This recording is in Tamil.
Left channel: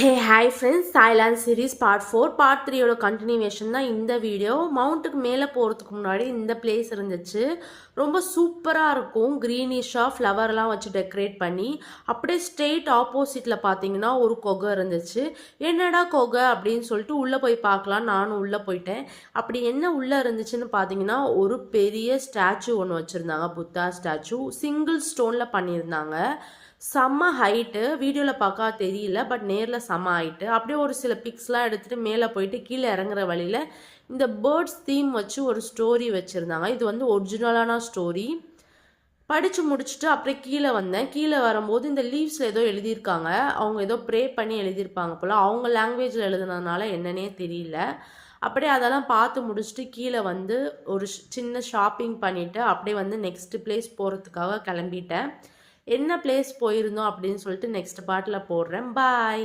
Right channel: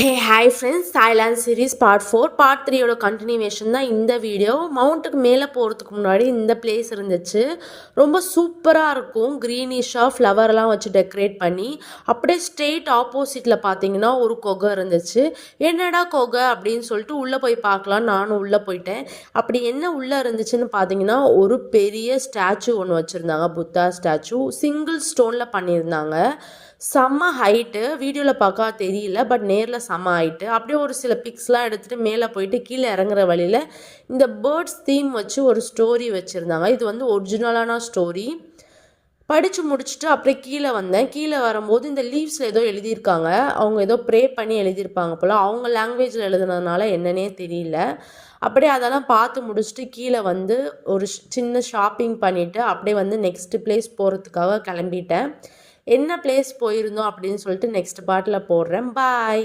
ஹே hi friends, Thailand series part 4 part 3யோட கண்டினியூவேஷன் தான் இந்த வீடியோ. மவுண்ட்டுக்கு மேலே போகிறதுக்கு முன்னாடி இந்த பிளேஸ் இருந்துச்சு. ரொம்ப சூப்பராக இருக்கும். க்ரீனிஷாக ஃப்ளவர்லாம் வச்சு டெக்கரேட் பண்ணி. அப்படியே ஸ்ட்ரெயிட் ஆப்போசிட்டில் பார்த்தீங்கன்னா ஒரு கொகை இருந்துச்சு. என்னடா கொகை அப்படின்னு சொல்லிட்டு உள்ளே போய் பார்க்கலாம். நானும் உள்ளே போயிட்டேன். அப்படி என்ன உள்ளே இருந்துச்சுன்னு பார்த்தீங்கன்னா ஒரு பெரிய ஸ்டாச்சு ஒன்று வச்சுருந்தாங்க. புத்தா ஸ்டாச்சு சிங்கிள் ஸ்டோனில் பண்ணியிருந்தாங்க. செம்ம ஹைட்டு. வீடியோவில் பார்க்க தெரியல, பட் நேரில் செம்ம ஹைட்டு. அப்படியே ஒரு சில பிக்ஸ்லாம் எடுத்துகிட்டு மேலே போயிட்டு கீழே இறங்குற வழியில் இந்த பேர்ட்ஸ் தீம் வச்சு ஒரு ஸ்டோரி வச்சுருந்தாங்க. இது வந்து ஒரிஜினலான ஸ்டோரி. படித்து முடிச்சுட்டு அப்படியே கீழே வந்தேன். கீழே வரும்போது இந்த லீவ்ஸில் ஏதோ எழுதியிருக்காங்க. அவங்க ஏதோ ப்ரே பண்ணி எழுதியிருப்பாங்க போல். அவங்க லாங்குவேஜில் எழுதுனதுனால என்னன்னே தெரியல. அப்படியே அதெல்லாம் பார்த்து முடிச்சுட்டு கீழே வந்து ஒரு சின்ன ஷாப்பிங் பண்ணிவிட்டு அப்படியே வந்து நெக்ஸ்ட்டு பிளேஸ் போகிறதுக்காக கிளம்பிட்டேன். என்ன பிளேஸ் போயிருந்தோம் அப்படின்னு சொல்லிட்டு நெக்ஸ்ட் பார்ட்டில் போடுறேன். பாய்.